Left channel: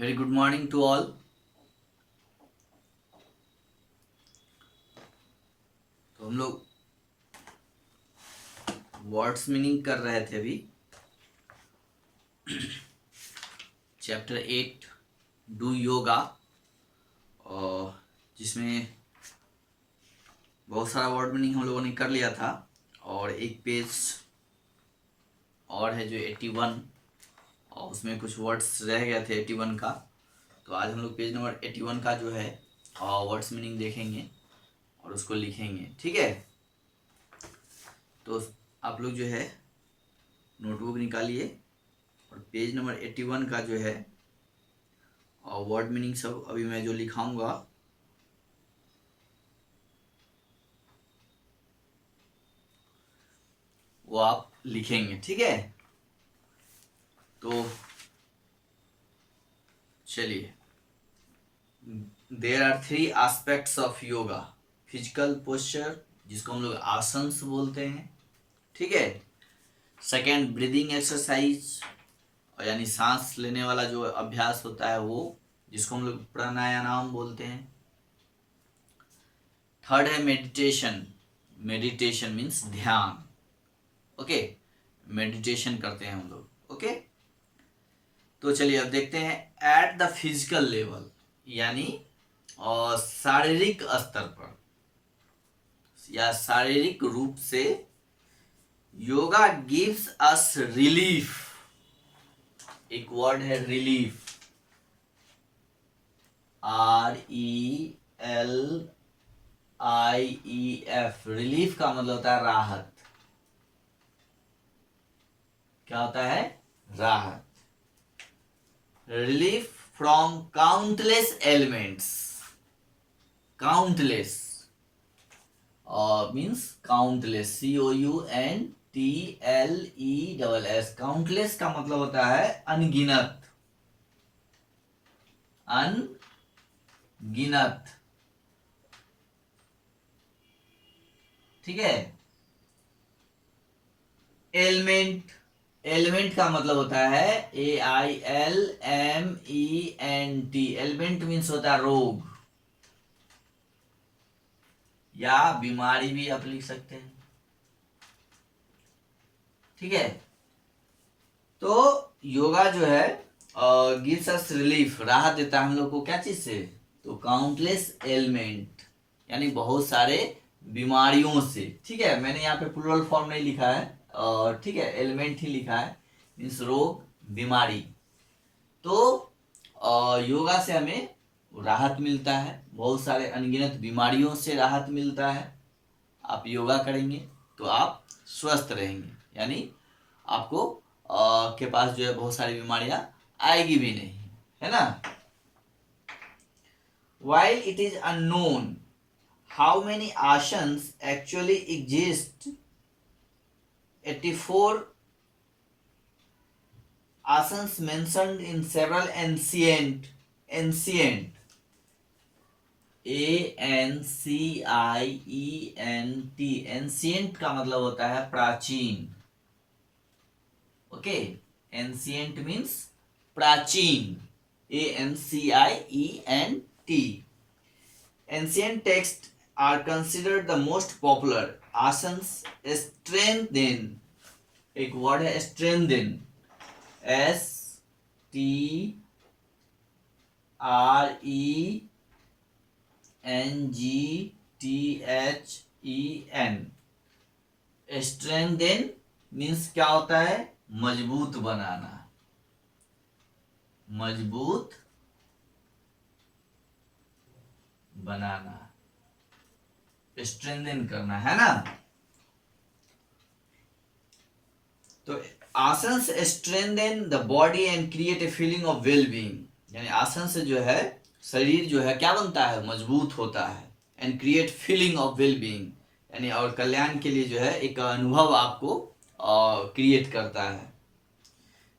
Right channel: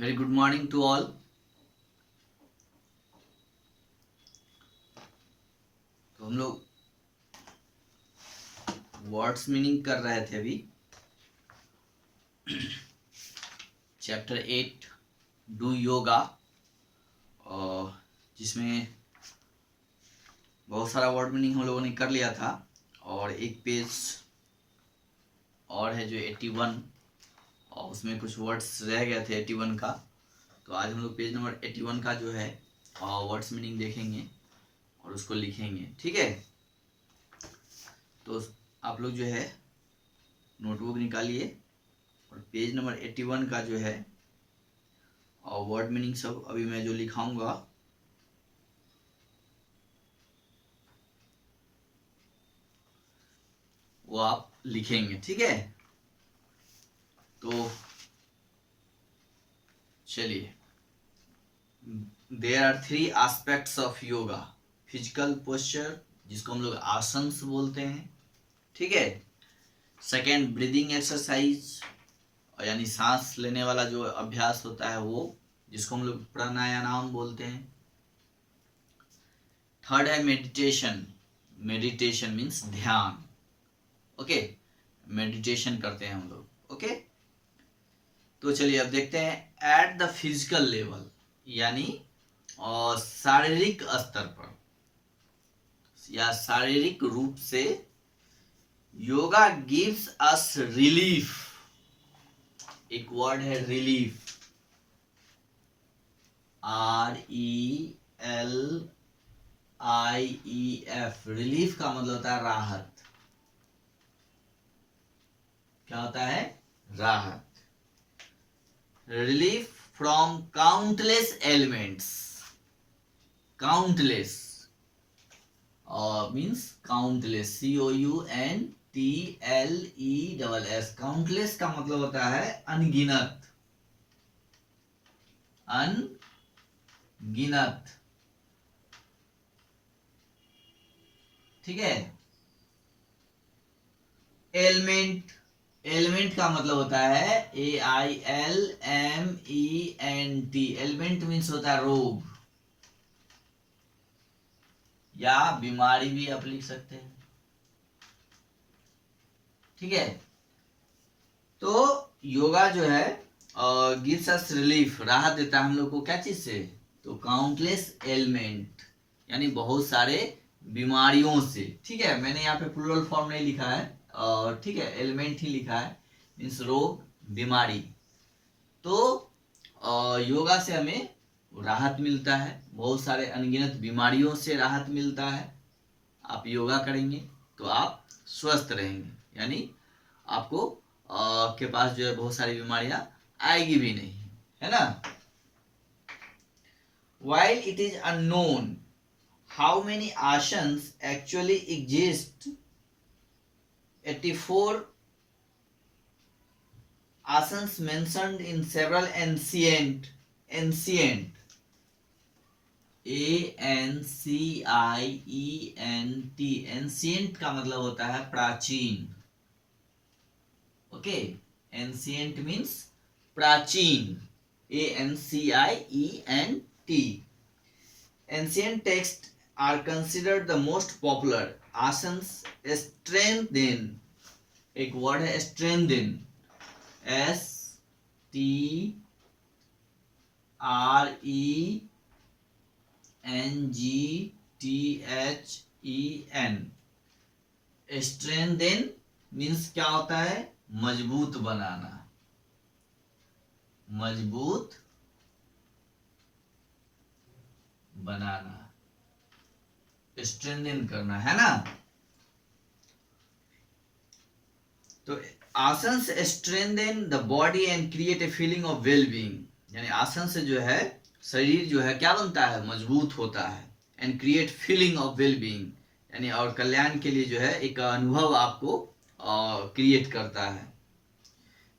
Very good morning to all. तो हम लोग वर्ड्स मीनिंग कर रहे थे अभी। चैप्टर 8 डू योगा, और जिसमें बहुत सारा वर्ड मीनिंग हम लोगों ने कर लिया था। और एक पेज और है जो 81, और उसमें कुछ वर्ड्स रह गए थे 81 का। तो आज हम लोग पेज नंबर 81 का जो है वर्ड्स मीनिंग देखेंगे और उसको लिखेंगे, ठीक है। तो आप लोग जो है नोटबुक निकालिए और पेज नंबर 81 का जो है और वर्ड मीनिंग सब अभी मैं जो लिखाऊंगा वो आप लिखेंगे, ठीक है। तो चलिए, there are 3 aspects of yoga. Physical posture, जिसको हम लोग आसन्स बोलते हैं, ठीक है। सेकेंड, ब्रीदिंग एक्सरसाइज, यानी सांस लेने वाला जो अभ्यास होता है वो, जिसको हम लोग प्राणायाम बोलते हैं। थर्ड है मेडिटेशन। मेडिटेशन मीन्स ध्यान, ओके। मेडिटेशन करते हैं हम लोग, ओके। तो चलिए अब देखते हैं एट द फिजिकल लेवल, यानी और शारीरिक स्तर पर या शारीरिक रूप से योगा गिव्स अस रिलीफ। एक वर्ड है रिलीफ, RELIEF। रिलीफ का मतलब होता है राहत। क्या होता है? राहत। Relief from countless elements. Countless means countless, COUNTLESS। Countless का मतलब होता है अनगिनत। अनगिनत, ठीक है। एलिमेंट, एलिमेंट का मतलब होता है AILMENT। एलिमेंट मीन्स होता है रोग या बीमारी भी आप लिख सकते हैं, ठीक है। तो योगा जो है गिव्स अस रिलीफ, राहत देता है हम लोग को। क्या चीज से? तो काउंटलेस एलिमेंट, यानी बहुत सारे बीमारियों से, ठीक है। मैंने यहाँ पे प्लूरल फॉर्म नहीं लिखा है, और ठीक है, एलिमेंट ही लिखा है, मीन्स रोग, बीमारी। तो योगा से हमें राहत मिलता है, बहुत सारे अनगिनत बीमारियों से राहत मिलता है। आप योगा करेंगे तो आप स्वस्थ रहेंगे, यानी आपको के पास जो है बहुत सारी बीमारियां आएगी भी नहीं, है ना। While it is unknown how many asanas actually exist, 84 asanas mentioned in several ancient ancient का मतलब होता है प्राचीन, ओके। एंशिएंट मीन्स प्राचीन, ANCIENT। Ancient texts are considered the most popular asanas। strengthen, एक वर्ड है strengthen, STRENGTHEN। strengthen मीन्स क्या होता है? मजबूत बनाना, मजबूत बनाना, स्ट्रेंथन करना, है ना। तो आसन से strengthen the body and create a feeling of well being, यानी आसन से जो है शरीर जो है क्या बनता है? मजबूत होता है। And create feeling of well being, यानी और कल्याण के लिए जो है एक अनुभव आपको क्रिएट करता है।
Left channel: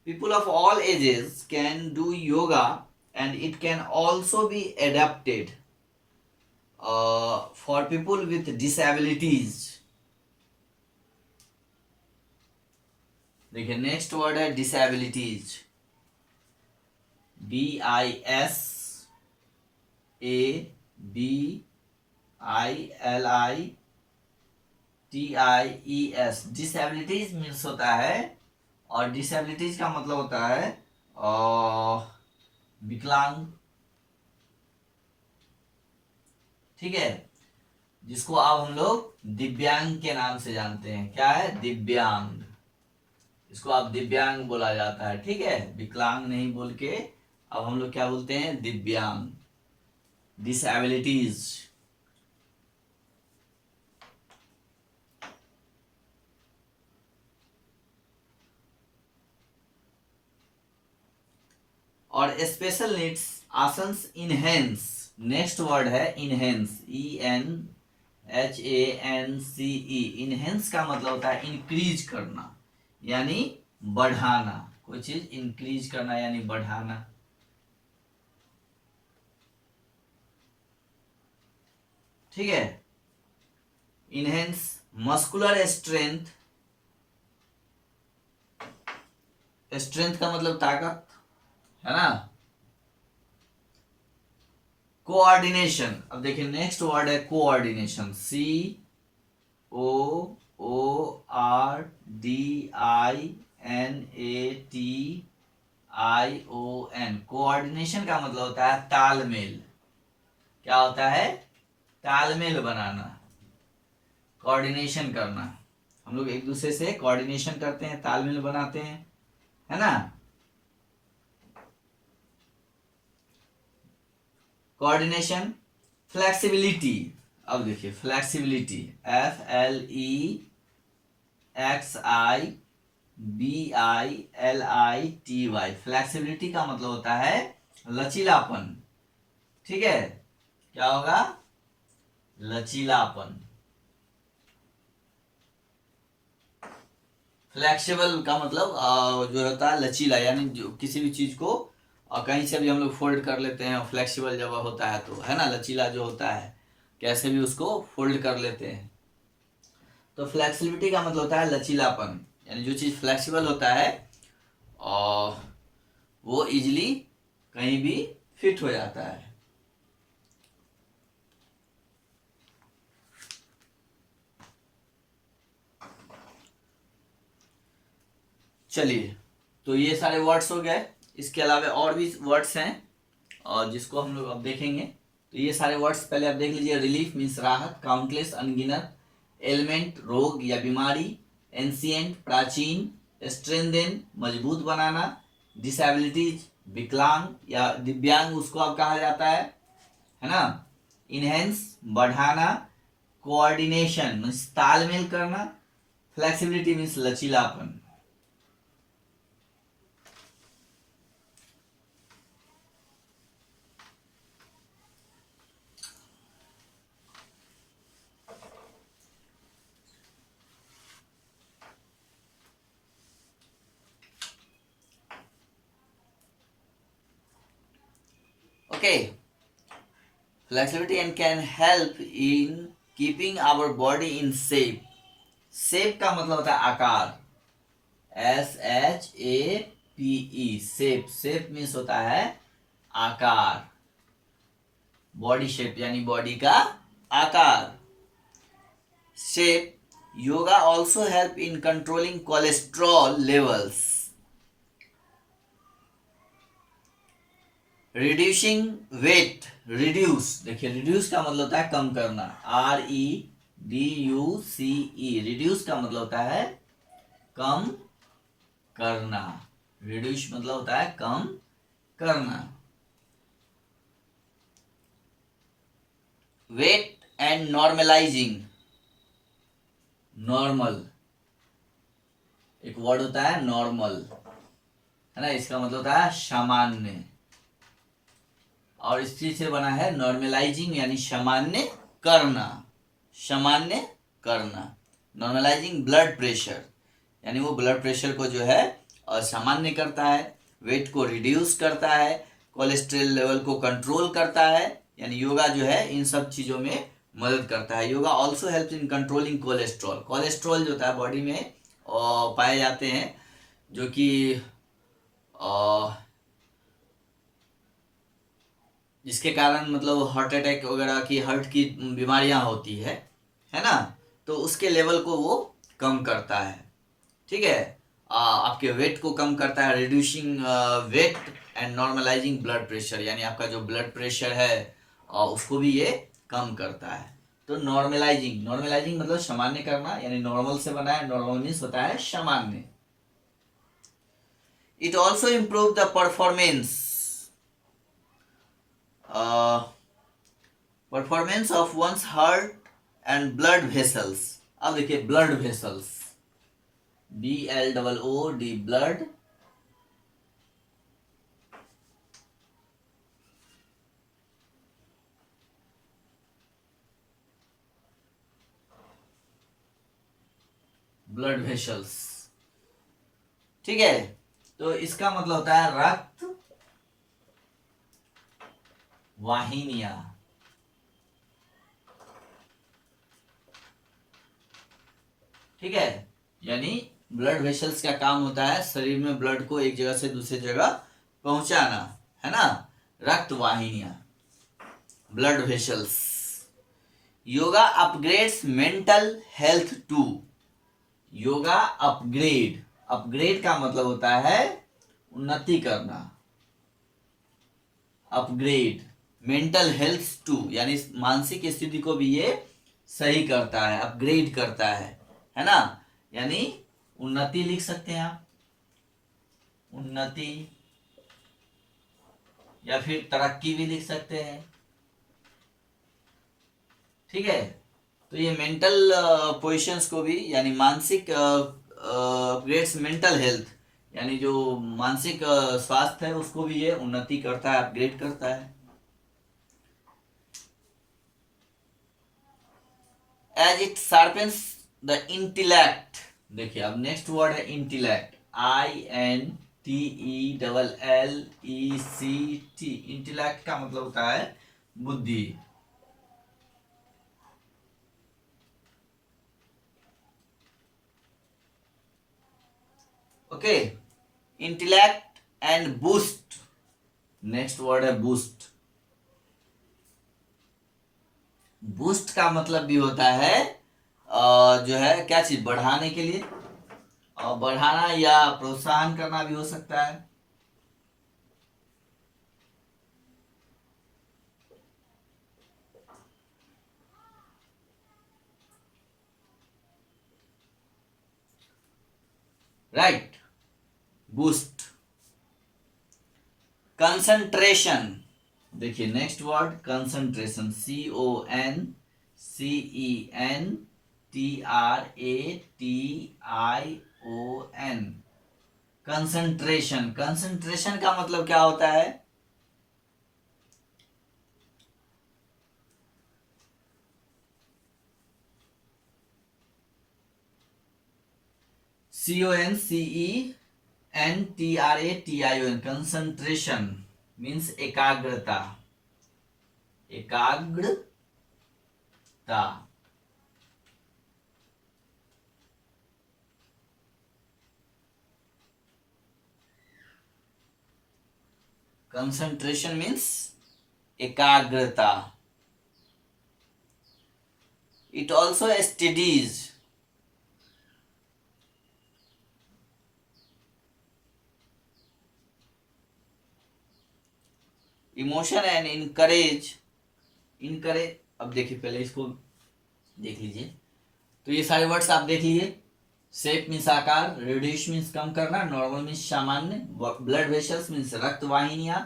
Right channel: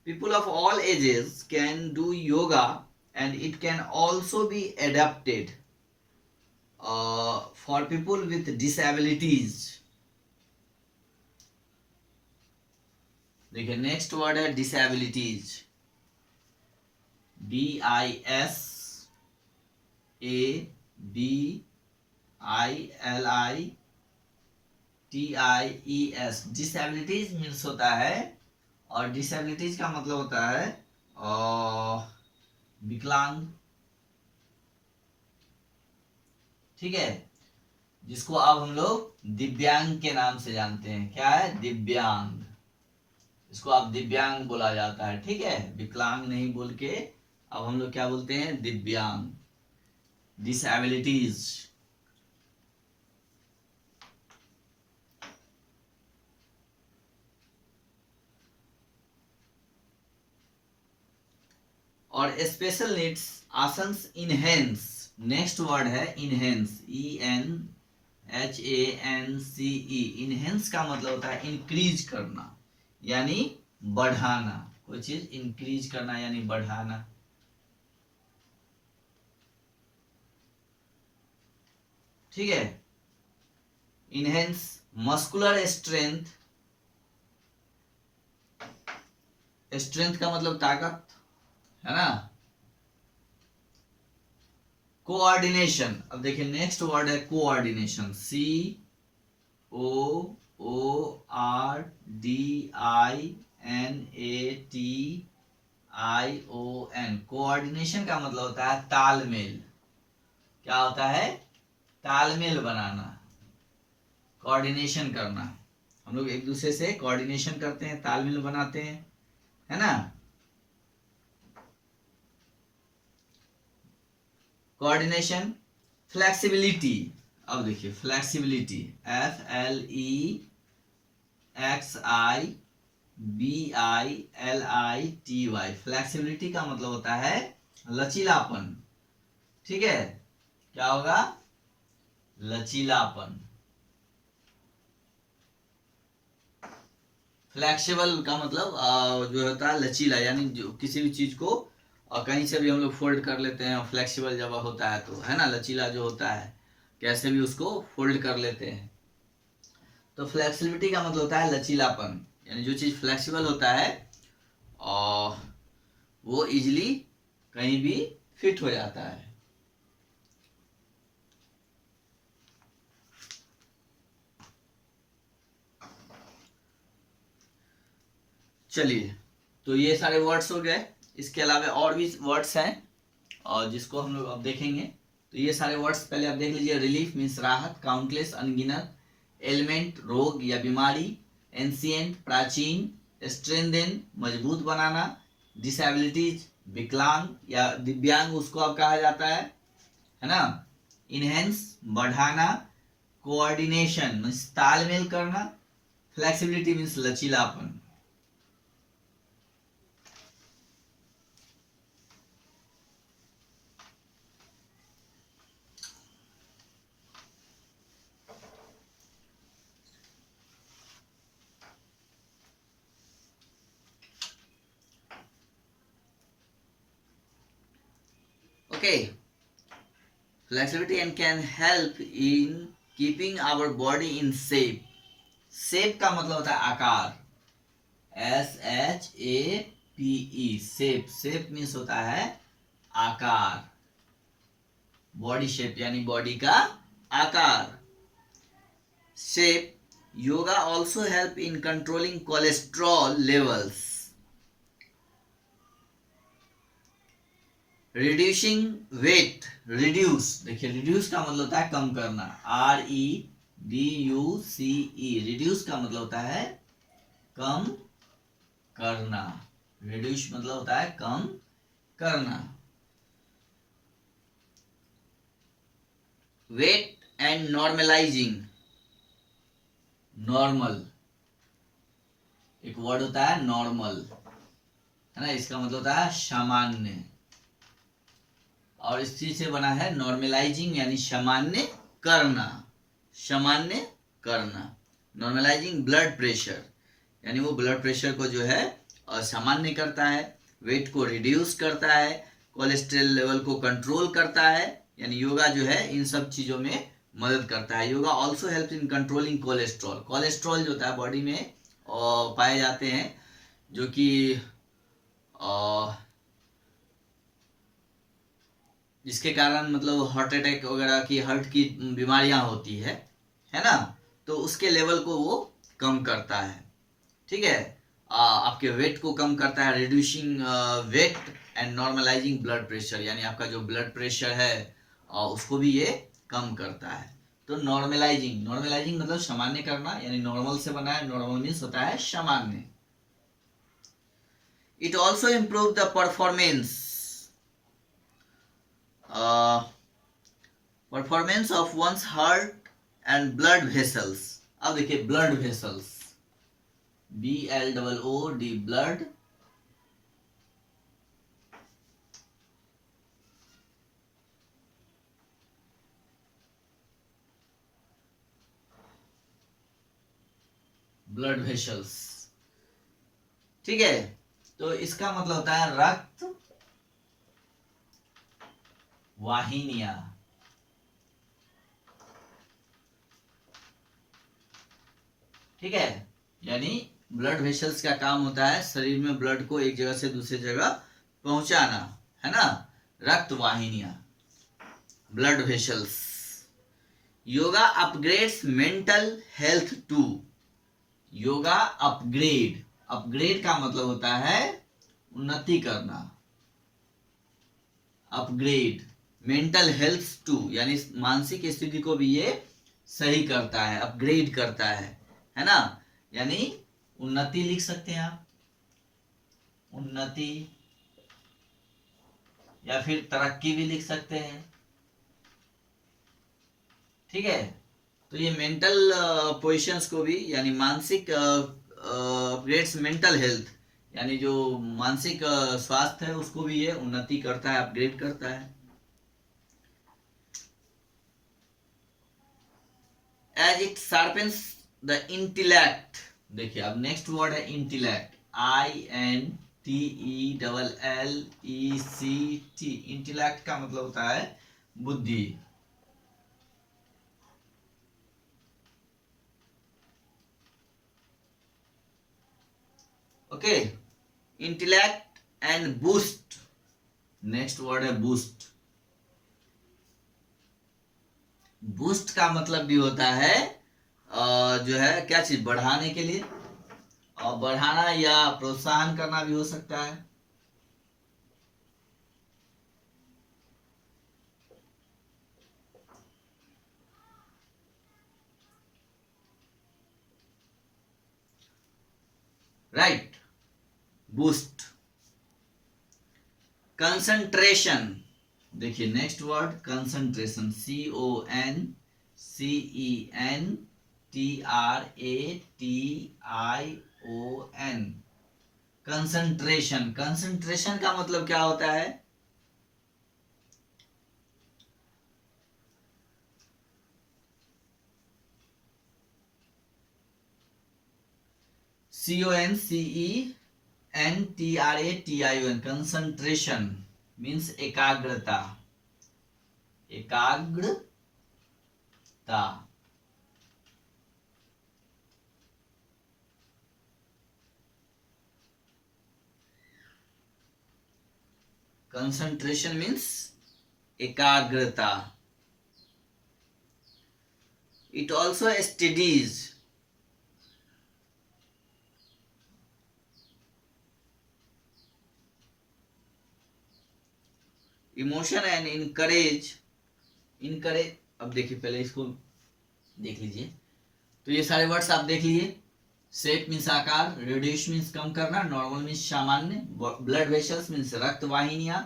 People of all ages can do yoga and it can also be adapted for people with disabilities। देखिए नेक्स्ट वर्ड है डिसेबिलिटीज। DISABLITIES, डिसेबिलिटीज मीन्स होता है, और डिसेबिलिटीज का मतलब होता है विकलांग, ठीक है, जिसको अब हम लोग दिव्यांग के नाम से जानते हैं। क्या है? दिव्यांग। इसको अब दिव्यांग बोला जाता है, ठीक है, विकलांग नहीं बोल के अब हम लोग क्या बोलते हैं? दिव्यांग, डिसेबिलिटीज। और स्पेशल नीड्स आसंस इनहेंस, नेक्स्ट वर्ड है इनहेंस, ENHANCE। इनहेंस का मतलब होता है इंक्रीज करना यानी बढ़ाना, कोई चीज इंक्रीज करना यानी बढ़ाना, ठीक है। इनहेंस मस्कुलर स्ट्रेंथ, स्ट्रेंथ का मतलब ताकत है ना। कोऑर्डिनेशन, अब देखिए नेक्स्ट वर्ड है कोऑर्डिनेशन, COORDINATION। कोऑर्डिनेशन का मतलब होता है तालमेल। क्या होता है? तालमेल बनाना, कोऑर्डिनेशन करना। हम लोग एक दूसरे से कोऑर्डिनेशन करते हैं, तालमेल बनाते हैं, है ना। कोऑर्डिनेशन। फ्लेक्सिबिलिटी, अब देखिए फ्लेक्सिबिलिटी, FLEXIBILITY। फ्लेक्सिबिलिटी का मतलब होता है लचीलापन, ठीक है। क्या होगा? लचीलापन। फ्लेक्सिबल का मतलब जो होता है लचीला, यानी जो किसी भी चीज को कहीं से भी हम लोग फोल्ड कर लेते हैं। फ्लेक्सिबल जब होता है तो, है ना, लचीला जो होता है कैसे भी उसको फोल्ड कर लेते हैं। तो फ्लेक्सिबिलिटी का मतलब होता है लचीलापन, यानी जो चीज फ्लेक्सिबल होता है और वो इजीली कहीं भी फिट हो जाता है। चलिए, तो ये सारे वर्ड्स हो गए। इसके अलावा और भी वर्ड्स हैं और जिसको हम लोग अब देखेंगे। तो ये सारे वर्ड्स पहले आप देख लीजिए। रिलीफ मीन्स राहत, काउंटलेस अनगिनत, एलिमेंट रोग या बीमारी, एंशिएंट प्राचीन, स्ट्रेंथेन मजबूत बनाना, डिसेबिलिटीज विकलांग या दिव्यांग उसको अब कहा जाता है ना। इनहेंस बढ़ाना, कोऑर्डिनेशन मीन्स तालमेल करना, फ्लेक्सिबिलिटी मीन्स लचीलापन। Okay, flexibility and can help in keeping our body in shape. Shape का मतलब होता है आकार, SHAPE, शेप। शेप मीन्स होता है आकार, बॉडी शेप यानी बॉडी का आकार। Shape. Yoga also help in controlling cholesterol levels, reducing weight. Reduce, देखिए रिड्यूस का मतलब होता है कम करना, REDUCE। रिड्यूस का मतलब होता है कम करना, रिड्यूस मतलब होता है कम करना। वेट एंड नॉर्मलाइजिंग, नॉर्मल एक वर्ड होता है नॉर्मल, है ना, इसका मतलब होता है सामान्य, और इस चीज से बना है नॉर्मलाइजिंग यानी सामान्य करना, सामान्य करना। नॉर्मलाइजिंग ब्लड प्रेशर, यानी वो ब्लड प्रेशर को जो है सामान्य करता है, वेट को रिड्यूस करता है, कोलेस्ट्रॉल लेवल को कंट्रोल करता है, यानी योगा जो है इन सब चीज़ों में मदद करता है। Yoga also help in controlling cholesterol. Cholesterol जो होता है बॉडी में पाए जाते हैं, जो कि जिसके कारण मतलब हार्ट अटैक वगैरह की, हार्ट की बीमारियां होती है ना, तो उसके लेवल को वो कम करता है। ठीक है। आपके वेट को कम करता है, reducing weight and normalising blood pressure, यानी आपका जो ब्लड प्रेशर है उसको भी ये कम करता है। तो नॉर्मलाइजिंग, नॉर्मलाइजिंग मतलब सामान्य करना, यानी नॉर्मल से बना है, नॉर्मल मीन्स होता है सामान्य। It also improve the performance performance of once heart and blood vessels. अब देखिए blood vessels, BLOOD, blood blood vessels. ठीक है, तो इसका मतलब होता है रक्त वाहिनियां। ठीक है, यानी ब्लड वेसल्स का काम होता है शरीर में ब्लड को एक जगह से दूसरी जगह पहुंचाना, है ना। रक्त वाहिनियां, blood vessels. Yoga upgrades mental health too. Yoga upgrade, upgrade का मतलब होता है उन्नति करना। अपग्रेड मेंटल हेल्थ टू, यानी मानसिक स्थिति को भी ये सही करता है, अपग्रेड करता है ना। यानी उन्नति लिख सकते हैं आप, उन्नति, या फिर तरक्की भी लिख सकते हैं। ठीक है, तो ये मेंटल पोजिशंस को भी, यानी मानसिक अपग्रेड्स मेंटल हेल्थ, यानी जो मानसिक स्वास्थ्य है उसको भी ये उन्नति करता है, अपग्रेड करता है। As it sharpens the intellect. देखिए अब नेक्स्ट वर्ड है इंटेलेक्ट, INTELLECT। इंटेलेक्ट का मतलब होता है बुद्धि। Okay, intellect and boost. Next word है बूस्ट। बूस्ट का मतलब भी होता है जो है क्या चीज बढ़ाने के लिए, और बढ़ाना या प्रोत्साहन करना भी हो सकता है। Right, boost. कंसंट्रेशन, देखिए next word concentration, CONCENTRATION। Concentration, concentration का मतलब क्या होता है? CONCENTRATION, कंसंट्रेशन मीन्स एकाग्रता, एकाग्रता। कंसंट्रेशन मीन्स एकाग्रता। It also studies, emotion and encourage. Encourage, अब देखिए पहले इसको देख लीजिए, तो ये सारे वर्ड्स आप देख लीजिए। शेप मीन्स आकार, रिड्यूस मीन्स कम करना, नॉर्मल मीन्स सामान्य, ब्लड वेसल्स मीन्स रक्त वाहिनियां,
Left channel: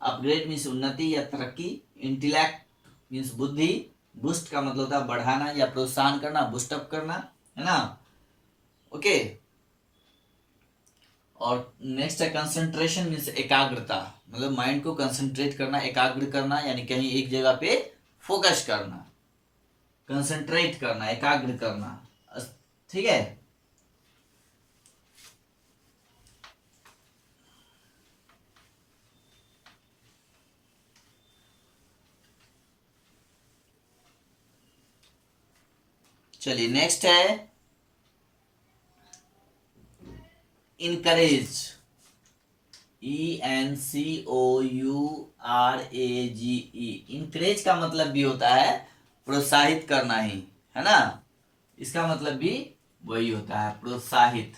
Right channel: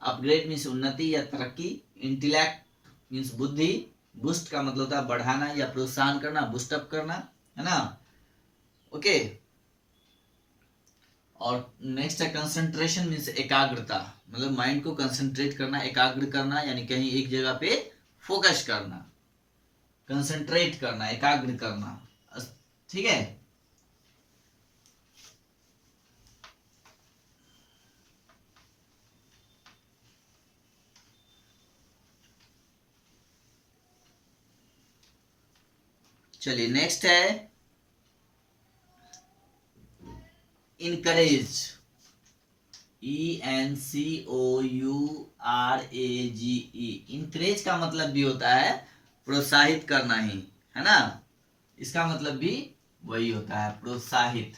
अपग्रेड मीन्स उन्नति या तरक्की, इंटेलेक्ट मीन्स बुद्धि, बूस्ट का मतलब होता है बढ़ाना या प्रोत्साहन करना, बूस्टअप करना, है ना। ओके, और नेक्स्ट है कंसंट्रेशन मीन्स एकाग्रता, मतलब माइंड को कंसंट्रेट करना, एकाग्र करना, यानी कहीं एक जगह पे फोकस करना, कंसंट्रेट करना, एकाग्र करना। ठीक है, चलिए नेक्स्ट है इनकरेज, ENCOURAGE। इंकरेज का मतलब भी होता है प्रोत्साहित करना ही, है ना। इसका मतलब भी वही होता है, प्रोत्साहित।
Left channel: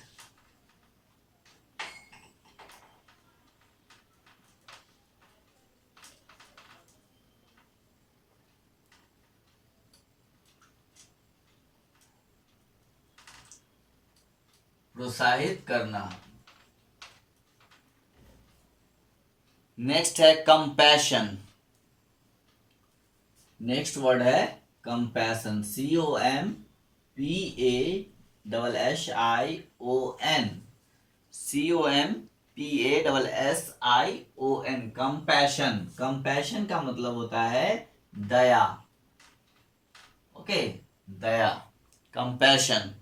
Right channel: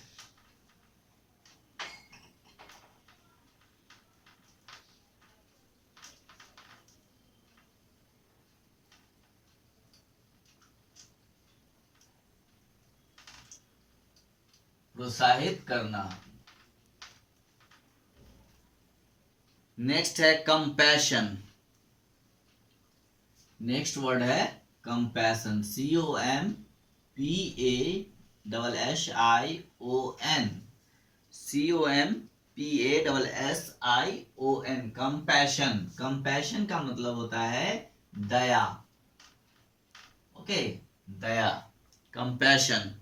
प्रोत्साहित करना। नेक्स्ट है कंपैशन। नेक्स्ट वर्ड है compassion, COMPASSION, COMPASSION, compassion. Compassion का मतलब होता है दया। ओके, दया, कंपैशन।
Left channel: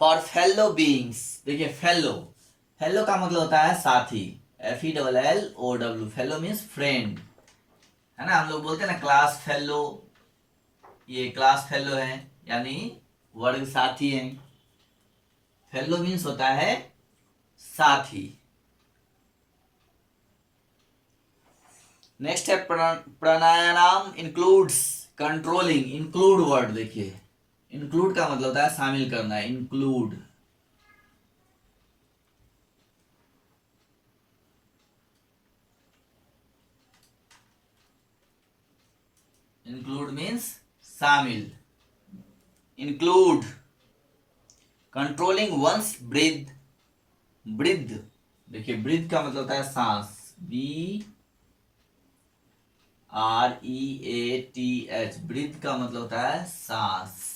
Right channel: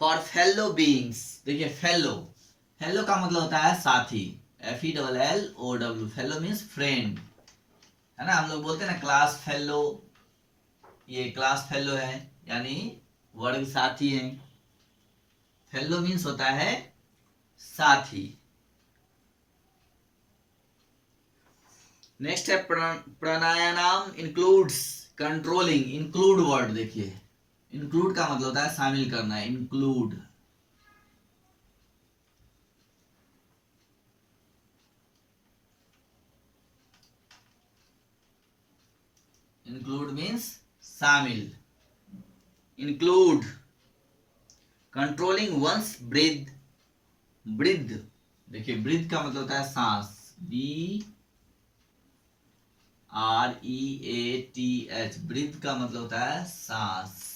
फॉर फेलो बीइंग्स, देखिए फेलो, फेलो का मतलब होता है साथी, FELLOW, फेलो मीन्स फ्रेंड, है ना। हम लोग बोलते हैं ना क्लास फेलो, ये क्लास फेलो है, यानी वर्ग साथी है। फेलो मीन्स होता है साथी। नेक्स्ट है pranayama includes controlling. Include word देखिए, इंक्लूड का मतलब होता है शामिल करना है, इंक्लूड। इंक्लूड मीन्स शामिल, include. Controlling once breath, breath, देखिए ब्रीथ का मतलब होता है सांस, BREATH, ब्रीथ का मतलब होता है सांस।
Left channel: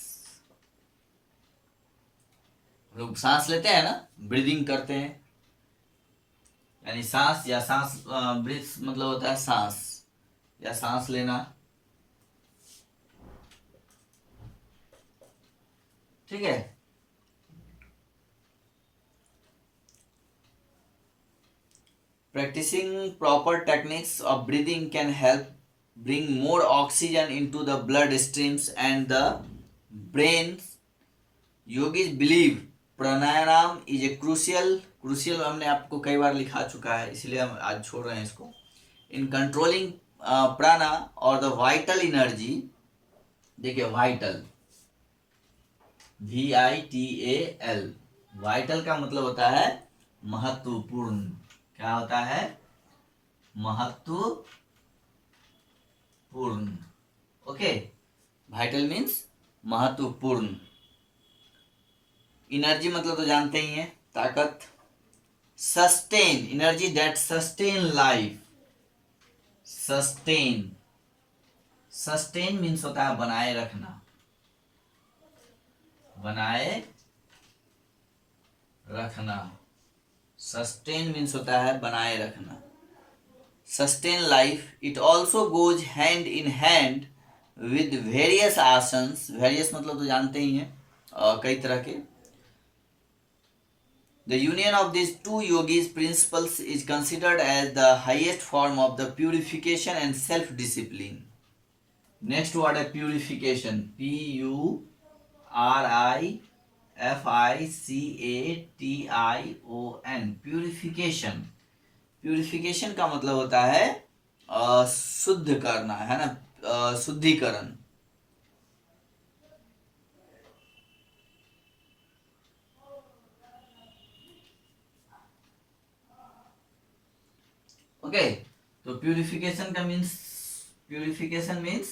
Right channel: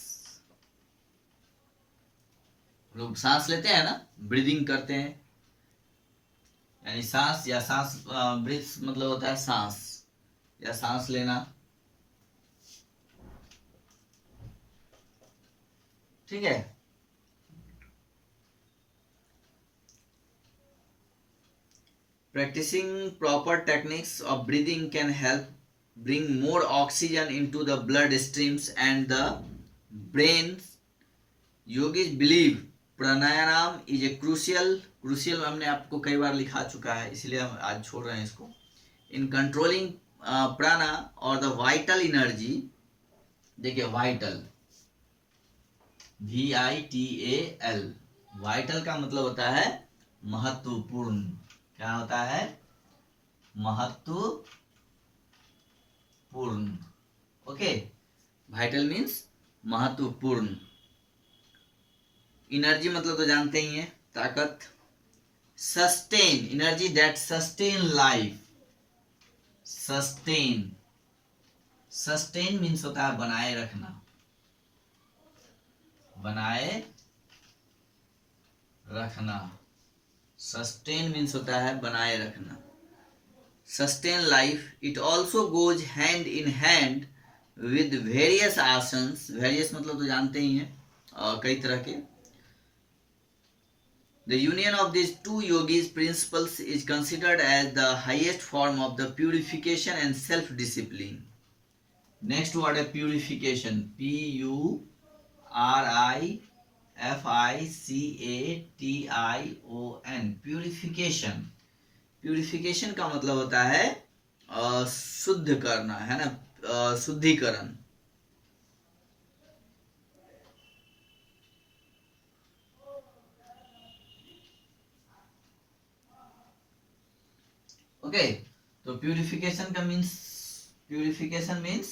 लोग सांस लेते हैं ना, ब्रीदिंग करते हैं, यानी सांस या सांस, ब्रीथ मतलब होता है सांस या सांस लेना, ठीक है। Practicing proper techniques of breathing can help bring more oxygen into the blood streams and the brain. Yogis believe pranayama is a crucial हमने आपको कई बार लिखा चुका है, इसलिए हम आज छोड़ रहे हैं इसको। In controlling prana और the vital energy, देखिए vital, VITAL, वाइटल का मतलब होता है महत्वपूर्ण। क्या होता है? महत्वपूर्ण। ओके, वाइटल मीन्स महत्वपूर्ण। एनर्जी मतलब तो जानते ही हैं, ताकत। Sustain, energy that sustain life, sustain, sustain means होता है बनाए रखना, बनाए रखना। सस्टेन मीन्स होता है बनाए रखना, sustain life. It also goes hand in hand with various asanas, various मतलब तो जानते ही हैं, कई तरह के। The union of these two yogis principles is considered as the highest form of the purification and self-discipline. Next word है purification, PURIFICATION, purification। Purification का मतलब होता है शुद्ध करना, है ना, शुद्धिकरण। ओके, तो प्यूरिफिकेशन का मीन्स, प्यूरिफिकेशन मीन्स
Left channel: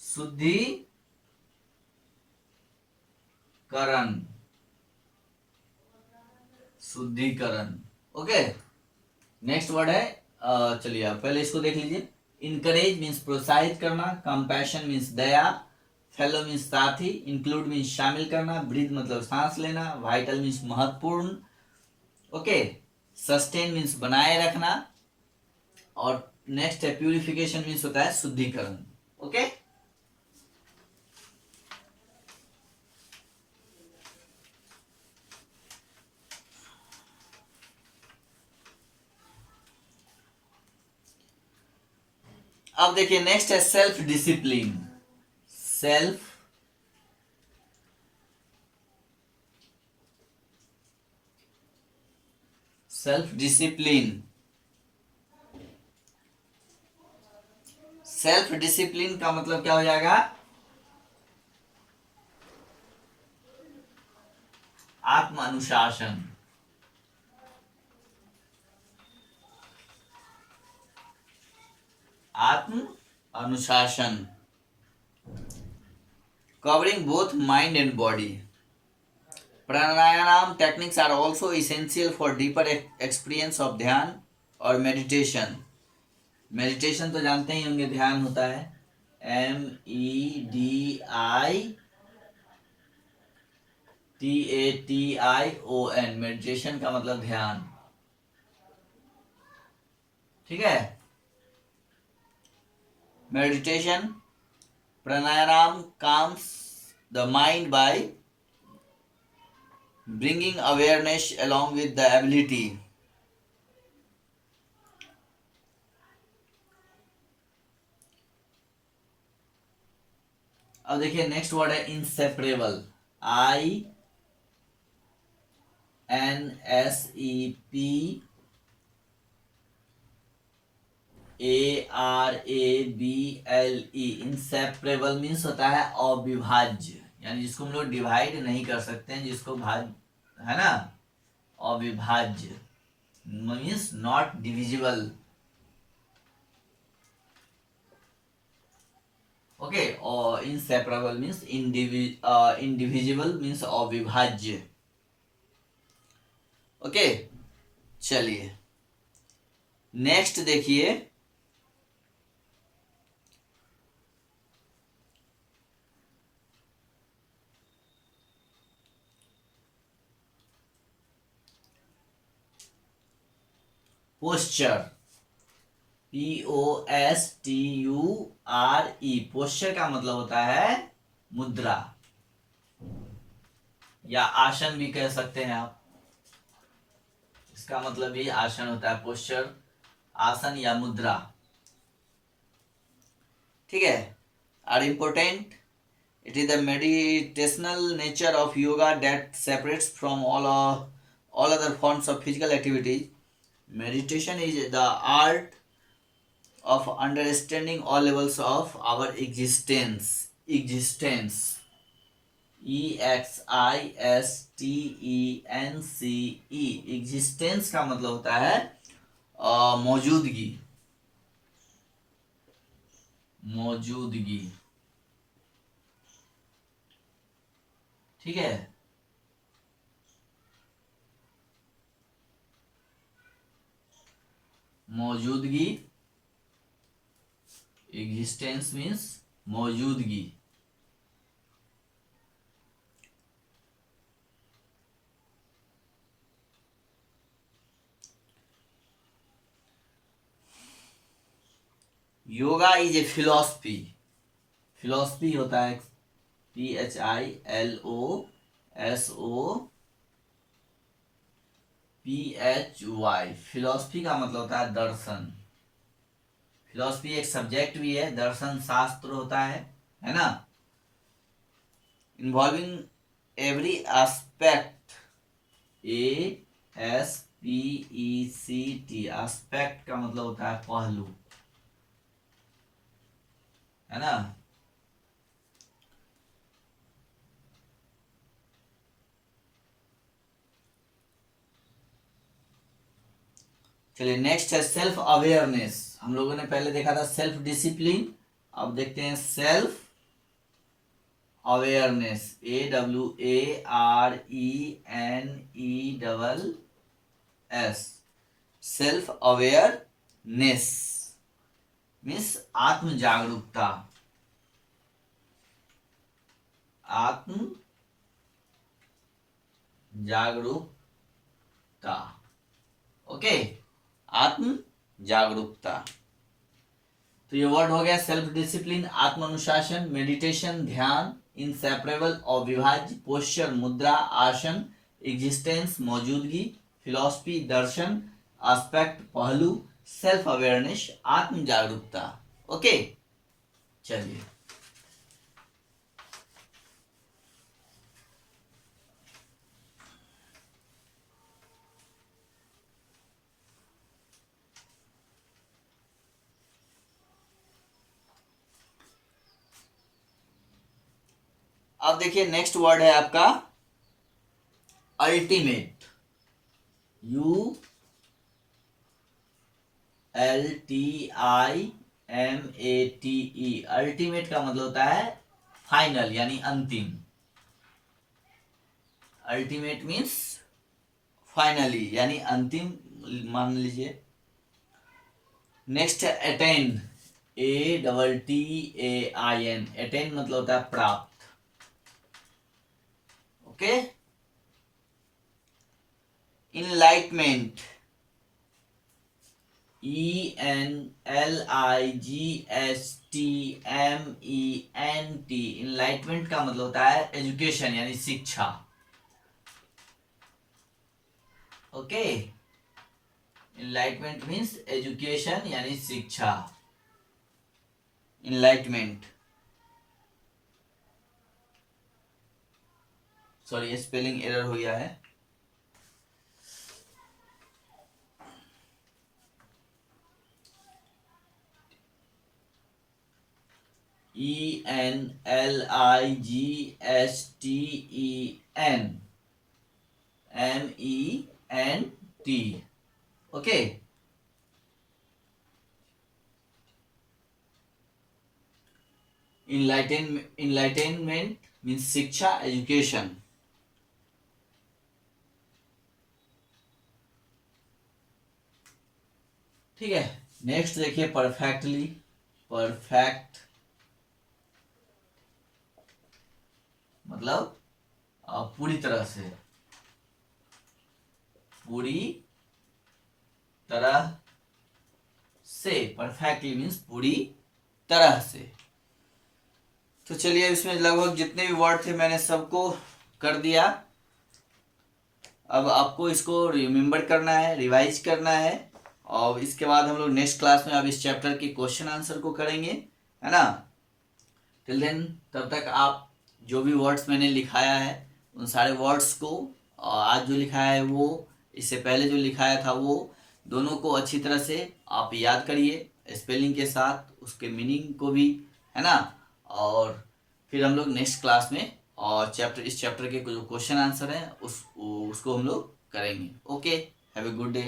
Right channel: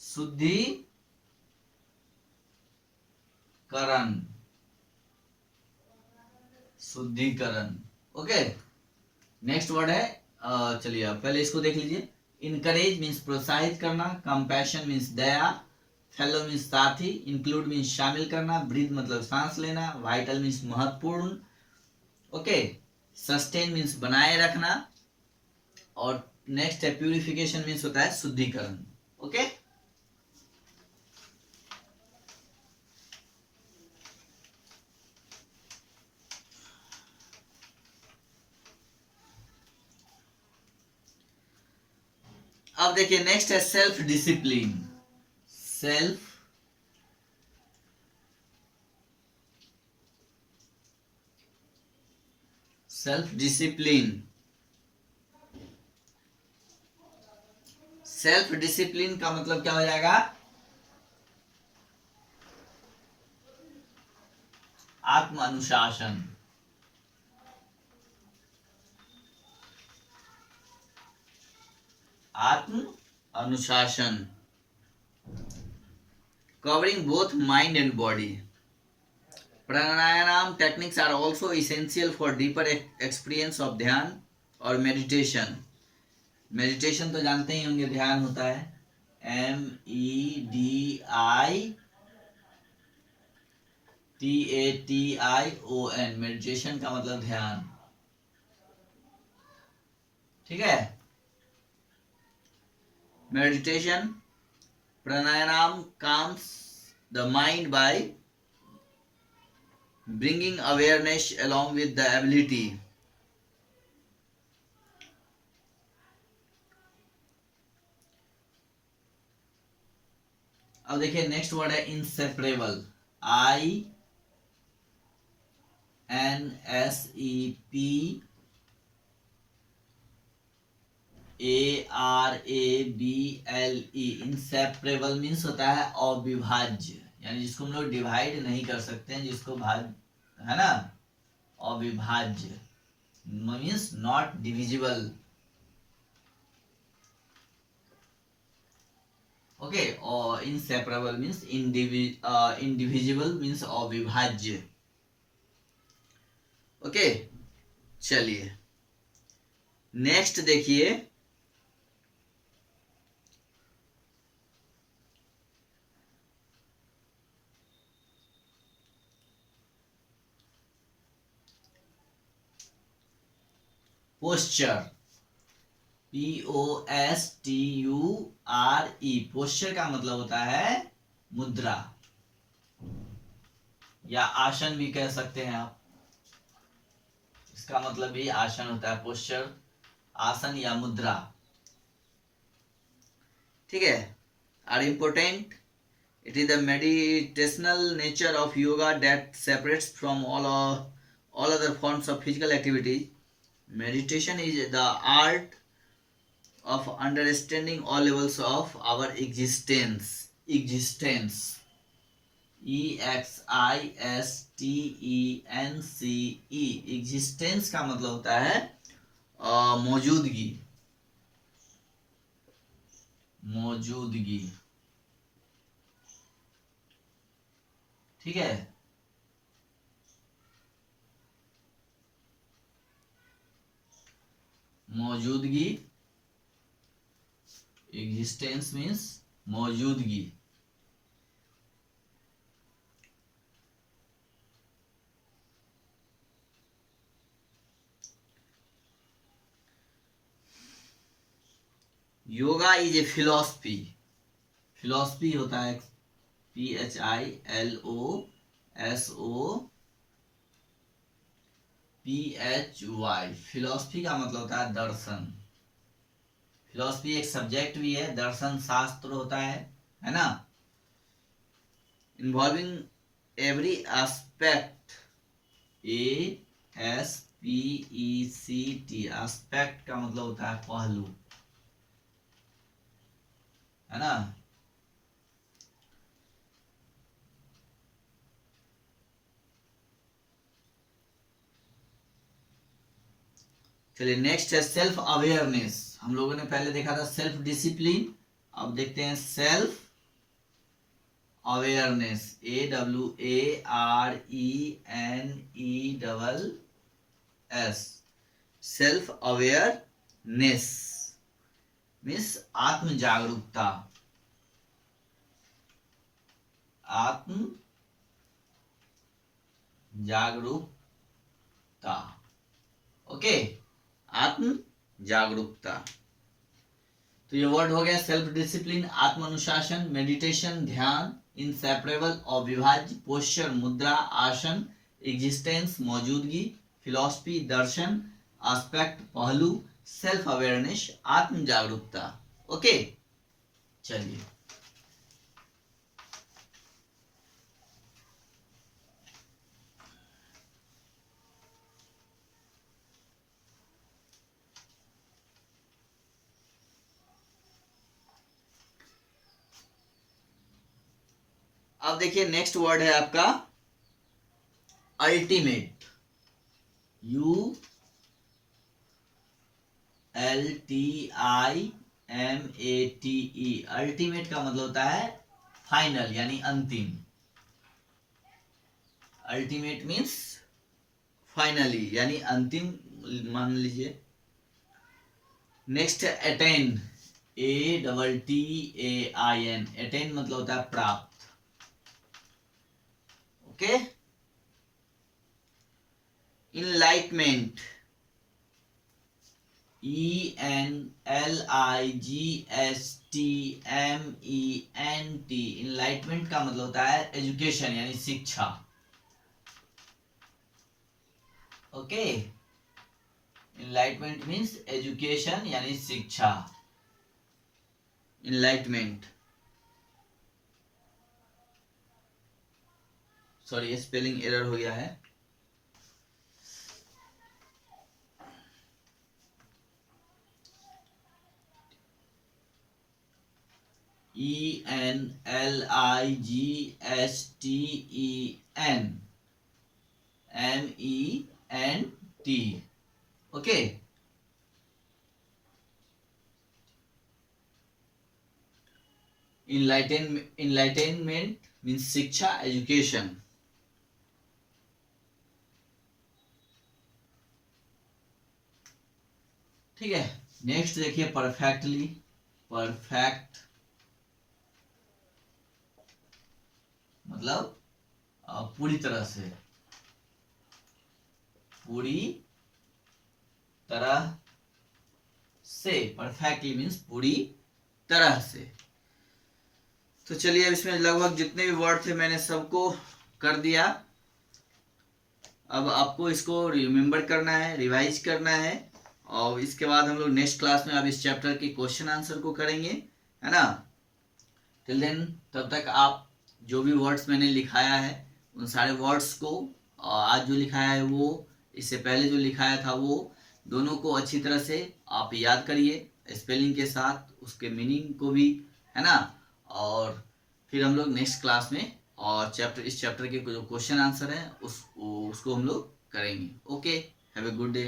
शुद्धिकरण, शुद्धिकरण। ओके, नेक्स्ट वर्ड है, चलिए आप पहले इसको देख लीजिए। इनकरेज मीन्स प्रोत्साहित करना, कंपैशन मीन्स दया, फेलो मीन्स साथी, इंक्लूड मीन्स शामिल करना, ब्रीथ मतलब सांस लेना, वाइटल मीन्स महत्वपूर्ण। ओके, सस्टेन मीन्स बनाए रखना, और नेक्स्ट है प्यूरिफिकेशन मीन्स होता है शुद्धिकरण। ओके, अब देखिए नेक्स्ट है self discipline. Self self discipline. Self discipline का मतलब क्या हो जाएगा? आत्म अनुशासन। आत्म अनुशासन, covering both mind and body. Pranayama techniques are also essential for deeper experience of dhyan और मेडिटेशन। मेडिटेशन तो जानते ही होंगे, ध्यान होता है MEDITATION। मेडिटेशन का मतलब ध्यान, ठीक है। Meditation, pranayama calms the mind by bringing awareness along with the ability अब देखिए नेक्स्ट वर्ड है इंसेपरेबल। INSEPARABLE। इंसेपरेबल मीन्स होता है अविभाज्य, यानी जिसको हम लोग डिवाइड नहीं कर सकते हैं, जिसको है ना, अविभाज्य मीन्स नॉट डिविजिबल। ओके, और इनसेपरेबल मीन्स इंडिविजिबल मीन्स अविभाज्य। ओके, चलिए नेक्स्ट देखिए, पोस्चर, POSTURE। पोस्चर का मतलब होता है मुद्रा या आसन भी कह सकते हैं आप। इसका मतलब भी आसन होता है, पोस्चर आसन या मुद्रा, ठीक है। Are important, it is the meditational nature of yoga that separates from all other forms of physical activity. Meditation is the art of understanding all levels of our existence। EXISTENCE। Existence का मतलब होता है मौजूदगी, ठीक है। मौजूदगी, एग्जिस्टेंस मीन्स मौजूदगी। Yoga is a philosophy. Philosophy होता है PHILOSOPHY। फिलॉसफी का मतलब होता है दर्शन। फिलॉसफी एक सब्जेक्ट भी है, दर्शन शास्त्र होता है ना। Involving every aspect, ASPECT। Aspect का मतलब होता है पहलू, है ना। चलिए नेक्स्ट है सेल्फ अवेयरनेस। हम लोगों ने पहले देखा था सेल्फ डिसिप्लिन, अब देखते हैं self awareness. AWARENESS। Self awareness means आत्म जागरूकता, आत्म जागरूकता। ओके, आत्म जागरूकता। तो ये वर्ड हो गया सेल्फ डिसिप्लिन, आत्म अनुशासन, मेडिटेशन ध्यान, इनसेपरेबल अविभाज्य, पोस्चर मुद्रा आसन, एग्जिस्टेंस मौजूदगी, फिलॉसफी दर्शन, एस्पेक्ट पहलू, सेल्फ अवेयरनेस आत्म जागरूकता। ओके, चलिए अब देखिए नेक्स्ट वर्ड है आपका अल्टीमेट, ULTIMATE। अल्टीमेट का मतलब होता है फाइनल यानी अंतिम। अल्टीमेट मीन्स फाइनली यानी अंतिम मान लीजिए। नेक्स्ट है अटेन, ATTAIN। अटेन मतलब होता है प्राप्त। ओके। Enlightenment, ENLIGHTMENT। इनलाइटमेंट का मतलब होता है एजुकेशन यानी शिक्षा। ओके। इनलाइटमेंट मीन्स एजुकेशन यानी शिक्षा। इनलाइटमेंट, सॉरी स्पेलिंग एरर हो गया है। ENLIGHTENMENT। ओके। इनलाइटेनमेंट मीन्स शिक्षा, एजुकेशन। ठीक है। नेक्स्ट देखिए परफेक्टली। परफेक्ट मतलब पूरी तरह से, पूरी तरह से। परफेक्टली मीन्स पूरी तरह से। तो चलिए अब इसमें लगभग जितने भी वर्ड थे मैंने सबको कर दिया। अब आपको इसको रिमेम्बर करना है, रिवाइज करना है, और इसके बाद हम लोग नेक्स्ट क्लास में अब इस चैप्टर के क्वेश्चन आंसर को करेंगे, है ना। टिल देन, तब तक आप जो भी वर्ड्स मैंने लिखाया है उन सारे वर्ड्स को, आज जो लिखाया है वो, इससे पहले जो लिखाया था वो, दोनों को अच्छी तरह से आप याद करिए स्पेलिंग के साथ, उसके मीनिंग को भी, है ना। और फिर हम लोग नेक्स्ट क्लास में और इस चैप्टर के जो क्वेश्चन आंसर हैं उसको हम लोग करेंगे। Okay, have a good day.